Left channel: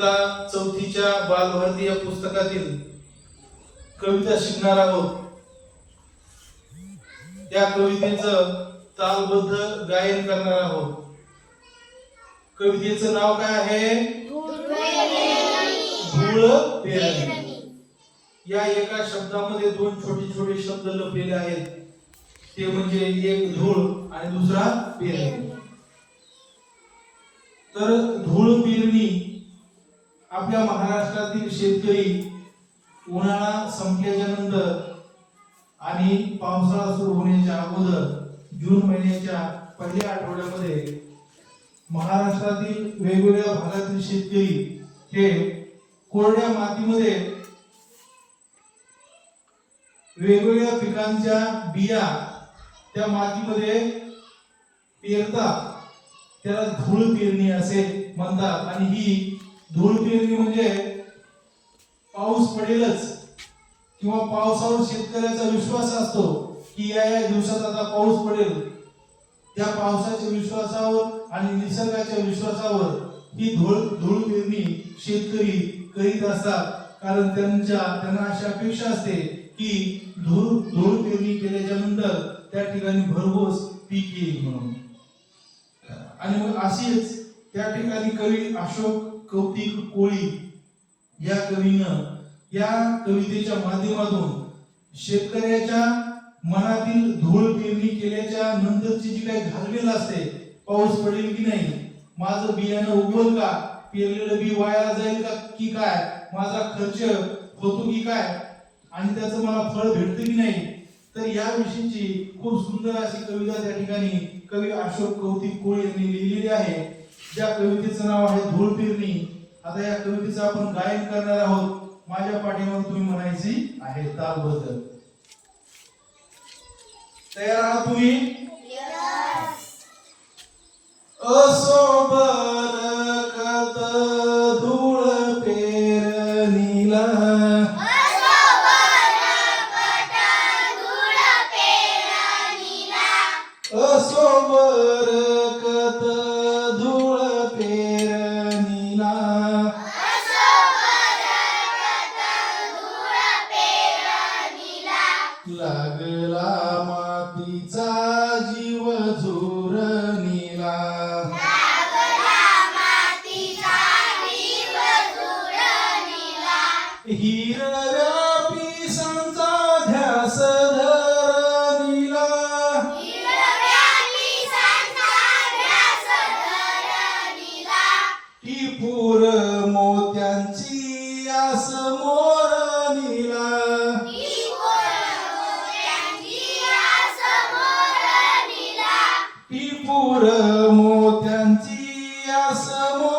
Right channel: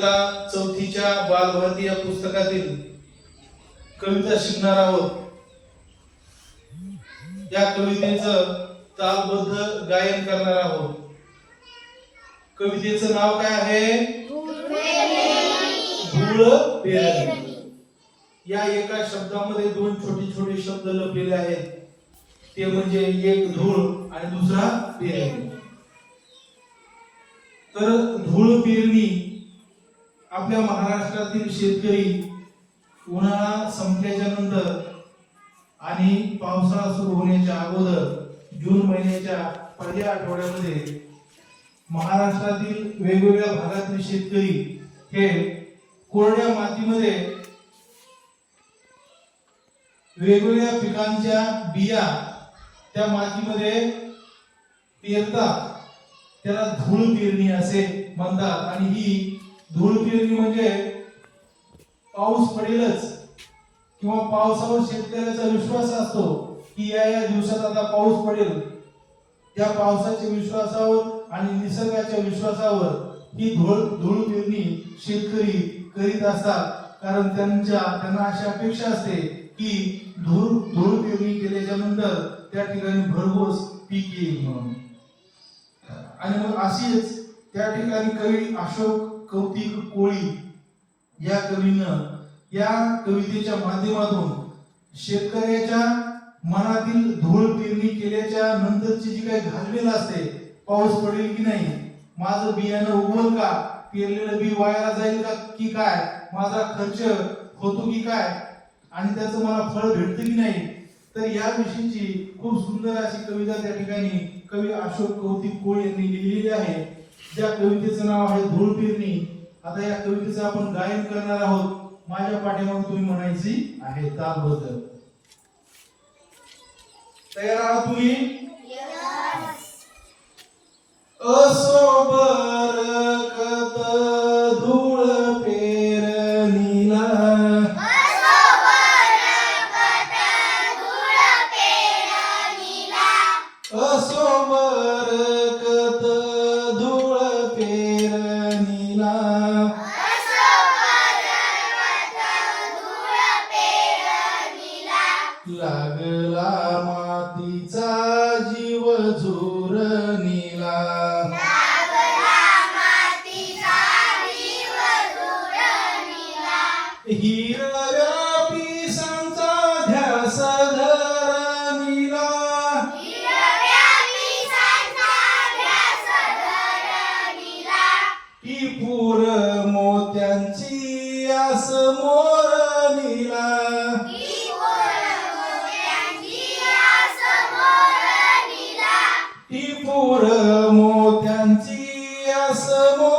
चौथीच्या बालभारती या पुस्तकातील कविता शिकणार आहोत या कवितेचं तालबद्ध गायन करणार आहोत कवितेचं नाव काय आहे? धूळ पेरणी. या एका शब्दामध्ये दोन छोटे छोटे शब्द लपलेले आहेत. ते म्हणजे एक धूळ आणि दुसरा पेरणी. तर धूळ पेरणी आपल्या महाराष्ट्रातील शेतकरी उन्हाळा संपल्याच्या नंतर आणि पावसाळा सुरू होण्याच्या अगोदर जून महिन्याच्या पहिल्या आठवड्यामध्ये महाराष्ट्रातील वेगवेगळ्या भागातील शेतकरी हे कोरड्या मातीमध्ये वेगवेगळ्या पिकांच्या बिया त्या मातीमध्ये पेरतात. त्याला धूळ पेरणी असे म्हणतात आणि ही धूळ पिरणी म्हणजे पाऊस पडेलच. किंवा पावसावर शेतकऱ्याचा विश्वास असतो की या या दिवसात आता पाऊस पडेल. त्या पावसाच्या विश्वासावर आणि निसर्गाच्या विश्वासावर ही धूळ धूळ पेरणी शेतकरी करीत असतात. कारण त्यांच्या त्यांना अशी अपेक्षा असते की धूळ धूळ पेरणी केल्याच्यानंतर त्या ठिकाणी भरघोस पीक येईल म्हणून. आणि मग अशीच त्या ठिकाणी कवी अशोक कौतिक कोळी या कवीनं या कवितेच्या माध्यमातून शेतकऱ्याच्या मनातील धूळ पेरणी केल्याच्या नंतरची जी काही घालमेल असते पाऊस पडेल की नाही माझं बियाणं उगवल का पेरलेलं बी वाया जाईल का की काय माझा खर्च होतो की काय आणि त्याचं मला फळ भेटतं की नाही तर या विषयीची खूप सुंदर अशी कविता त्या ठिकाणी कवी अशोक कौतिक कोळ यांनी लिहिलेली आहे. ज्या कवितेचं नाव आहे धूळ पेरणी आता या कवितेचं आपण गायन करणार आहोत. माझ्या पाठीमागे तुम्ही म्हणायची आहे तालबद्ध. तयार आहात तुम्ही? असो बरकत. धूळ मातीचा जीव झुरणीला हिरव्या पिसांचा ध्यास धरणीला ही पूर मोत्यांची आस मोरणीला मोत्यांची आस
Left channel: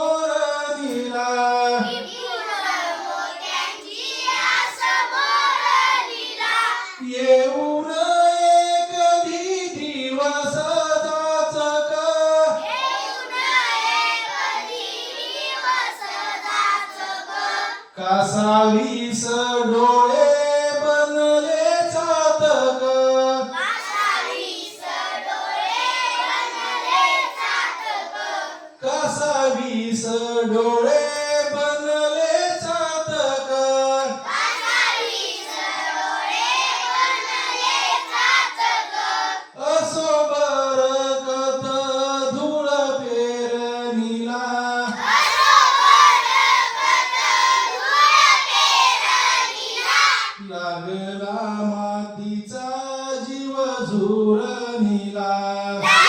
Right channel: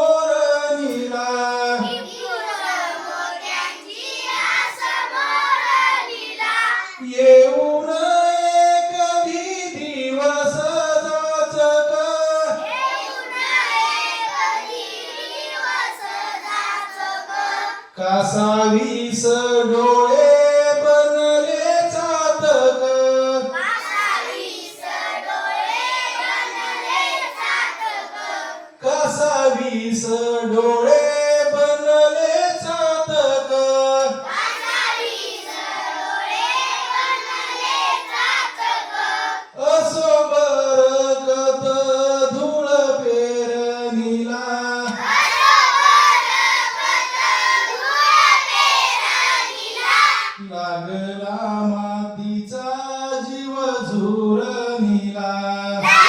Obrigado.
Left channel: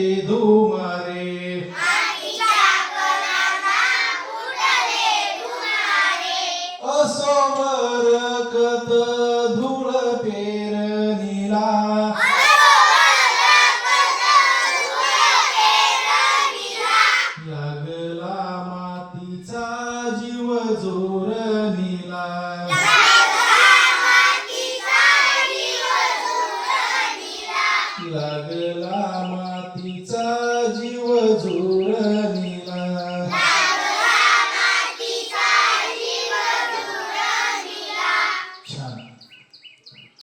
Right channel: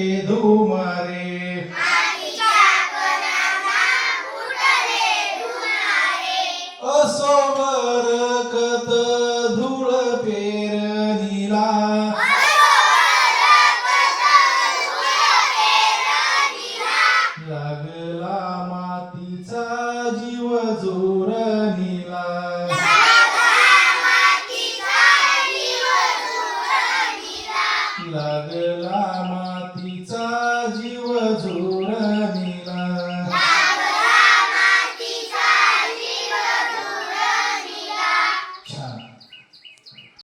সমরকতা